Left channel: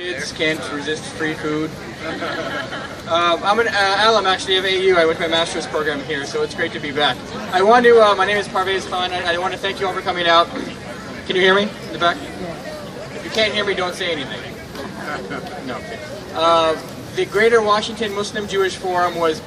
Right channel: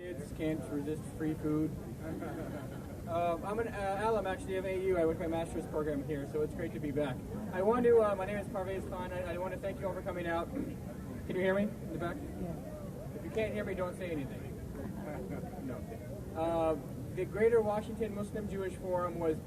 Kids can't resist free food. I'm an alum actually of AU. I went to my master's program here, so it's great to be back. I want to, my name is Parvez. I want to thank you all for coming out. Can you hear me in the back? If you can't hear me, don't say anything. No, okay. The Greater Washington Muslim Jewish Forum was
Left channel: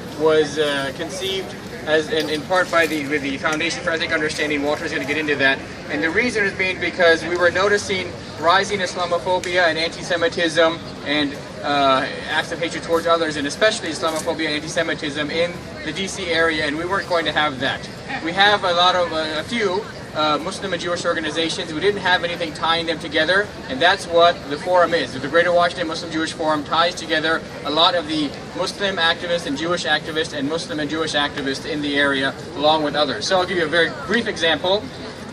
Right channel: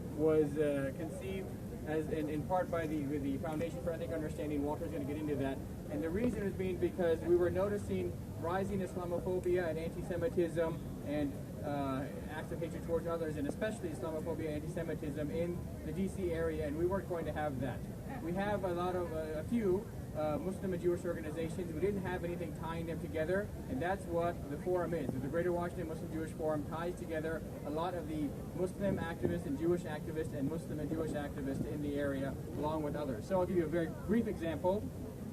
conceived as in part by the Foundation for Ethnic Understanding. Walter's going to get into that. And the reason is being because we were noticing rising Islamophobia and anti-Semitism and acts of hatred towards others, and especially Islamophobia and anti-Semitism in the DC area, and we weren't going to have that. We have a few Muslim and Jewish organizations who didn't have anything tying them together, and that's what the forum is. The Greater Washington Muslim Jewish Forum ties together a lot of the Muslim activists and Jewish activists and Muslim and Jewish activists in the area, along with others. So I'll give you a very brief example.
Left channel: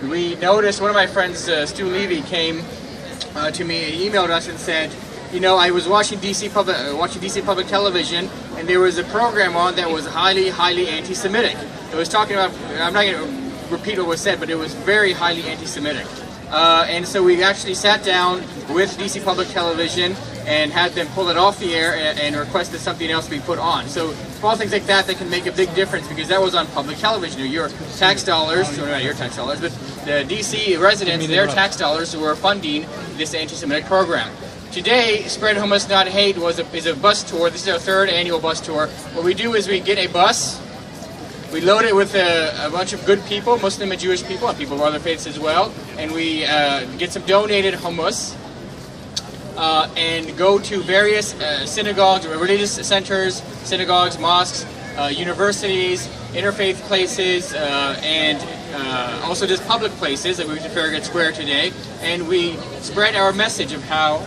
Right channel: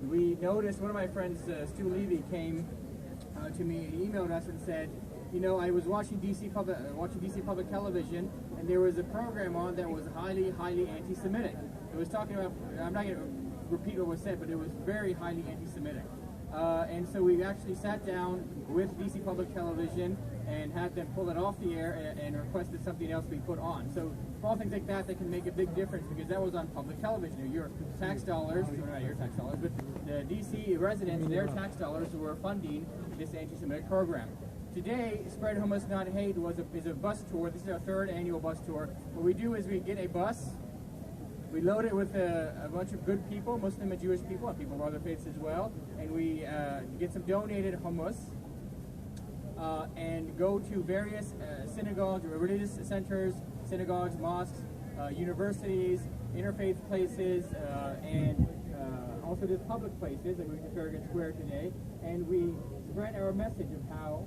We noticed one of my friends, Stu Levy, came to me, he emailed us and said, you know, I was watching DC public television, and there was a program on that was highly anti-Semitic. It was talking about, I'm not going to repeat what was said, but it was very highly anti-Semitic. And so we actually sat down with DC Public Television and had them pull it off the air and requested something else be put on. So small things like that can make a big difference, because that was on public television. Your tax dollars, or not your tax dollars, but the DC residents, their tax dollars were funding this anti-Semitic program. Today, Spread Hummus Not Hate is a bus tour. This is our third annual bus tour. What we do is we get a bus, we load it with a bunch of good people, Muslim and Jewish people, and people of other faiths as well, and we get some donated hummus and go to various synagogues, religious centers, synagogues, mosques, universities, interfaith places, and also just public places, like we went to Farragut Square today, and we spread our message of how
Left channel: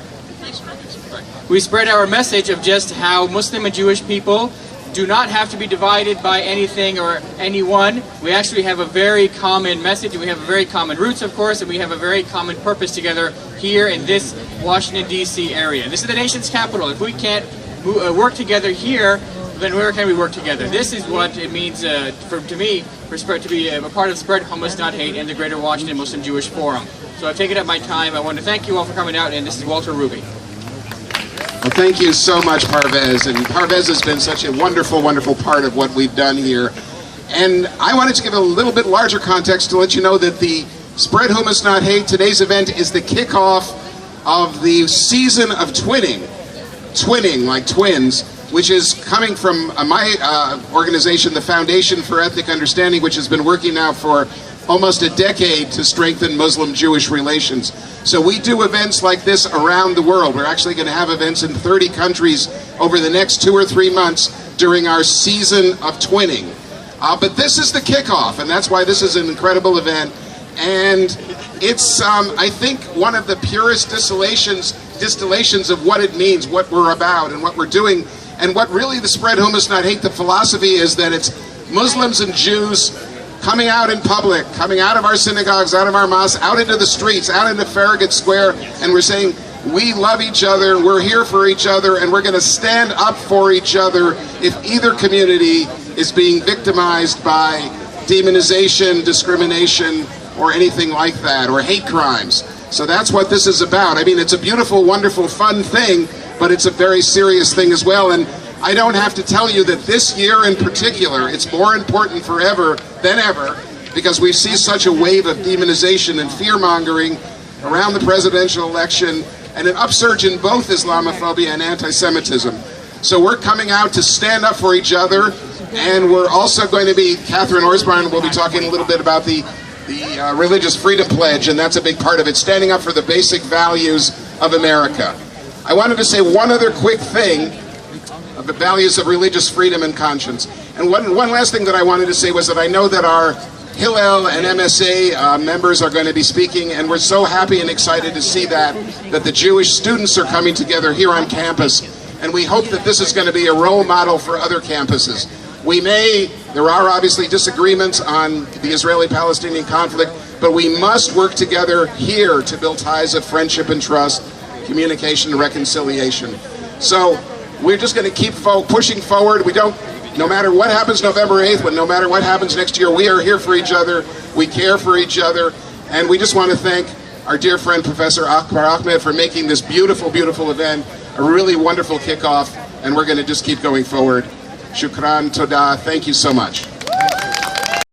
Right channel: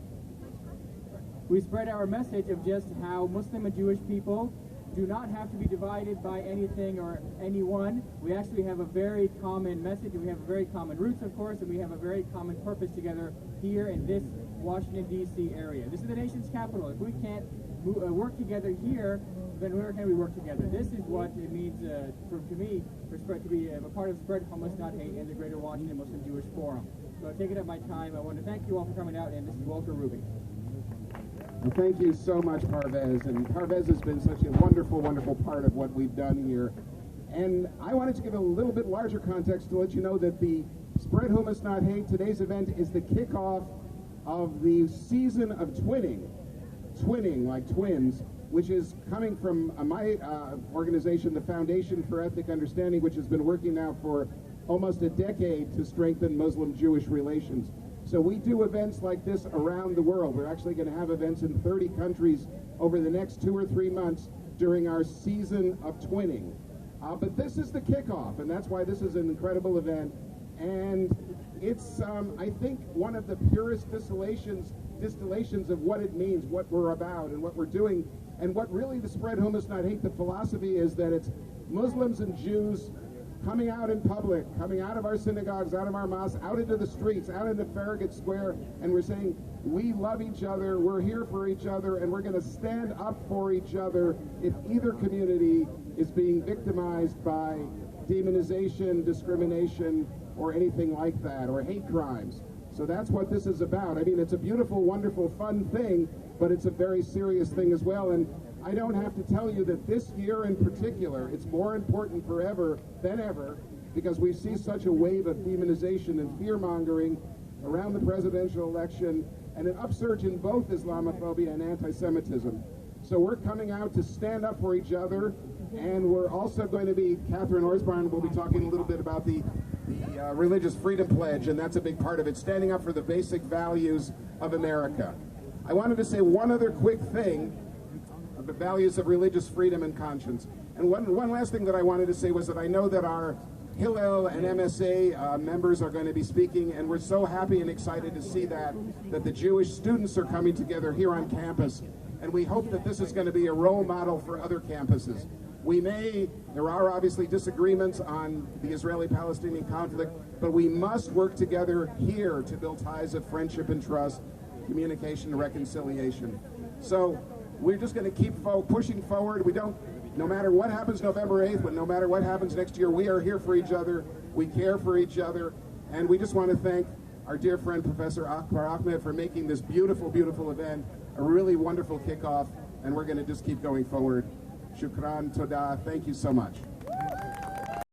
just how Muslim and Jewish people do not have to be divided by anything or anyone. We actually have a very common message, and we have a very common roots, of course, and we have a very common purpose together here in this Washington, D.C. area. This is the nation's capital. If we can't work together here, then where can we work together? This is what it means to me to be a part of Spread Hummus Not Hate and the Greater Washington Muslim Jewish Forum. So I've taken up my time. I want to thank you all for coming out, and this is Walter Ruby. Well, thank you so much, Parvez. And Parvez has been such a wonderful, wonderful part of what we've done here. And I wanted to give a little bit larger context to let you know that the Spread Hummus Not Hate, today's event, is the kickoff of the season of twinning like twins, which is coming from my organization, the Foundation for Ethnic Understanding, which has been working now for almost a decade to strengthen Muslim-Jewish relations. So we do events like this around the world. We're actually going to have events in 30 countries over the next 2 or 3 months during our season of twinning. But this is the kickoff, and that's why this is an incredible event. And it's, I think, one of the purest distillations of what it means, what we're about, and what we're doing. And what really the Spread Hummus Not Hate, the philosophy is that it's Muslims and Jews coming out in public, coming out of our synagogues, out of our mosques, out into the streets, out into Farragut Square, and we're saying, we love each other, we're here for each other, and we're going to stand up for each other if either community is being victimized by demonization, discrimination, or anything like that, or hate crimes. So that's what this is about. I mean, it's a beautiful, wonderful, fun thing, but it's a very serious thing as well. And I don't have to tell you that this year in particular, it's more important forever than ever, because we see such a wave of demonization and fear-mongering around the presidential election, and an upsurge in both Islamophobia and anti-Semitism. So we're coming out to stand up for each other, and we're also going to be, Catherine Orsbarn will be talking a little bit about the Religious Freedom Pledge, and that's a big part of it, standing up for the basic values of America. I wanted to say one other quick thing of the values of religious freedom and conscience. And one last thing that I wanted to say was that I know that our Hillel and MSA members are going to be speaking, and we're so happy and excited to see that the Jewish students are coming together here on campus, and we hope that this is going to be a role model for other campuses. There are obviously disagreements on the Israeli-Palestinian conflict, but we must work together here to build ties of friendship and trust, communication and reconciliation. So we're just going to keep pushing forward. No matter what happens November 8th, no matter what happens next year, we are here for each other, we care for each other, and we just want to thank our dear friend Professor Akbar Ahmed for making this beautiful, beautiful event a really wonderful kickoff, and we're going to just keep going forward. Shukran, toda, thank you so much.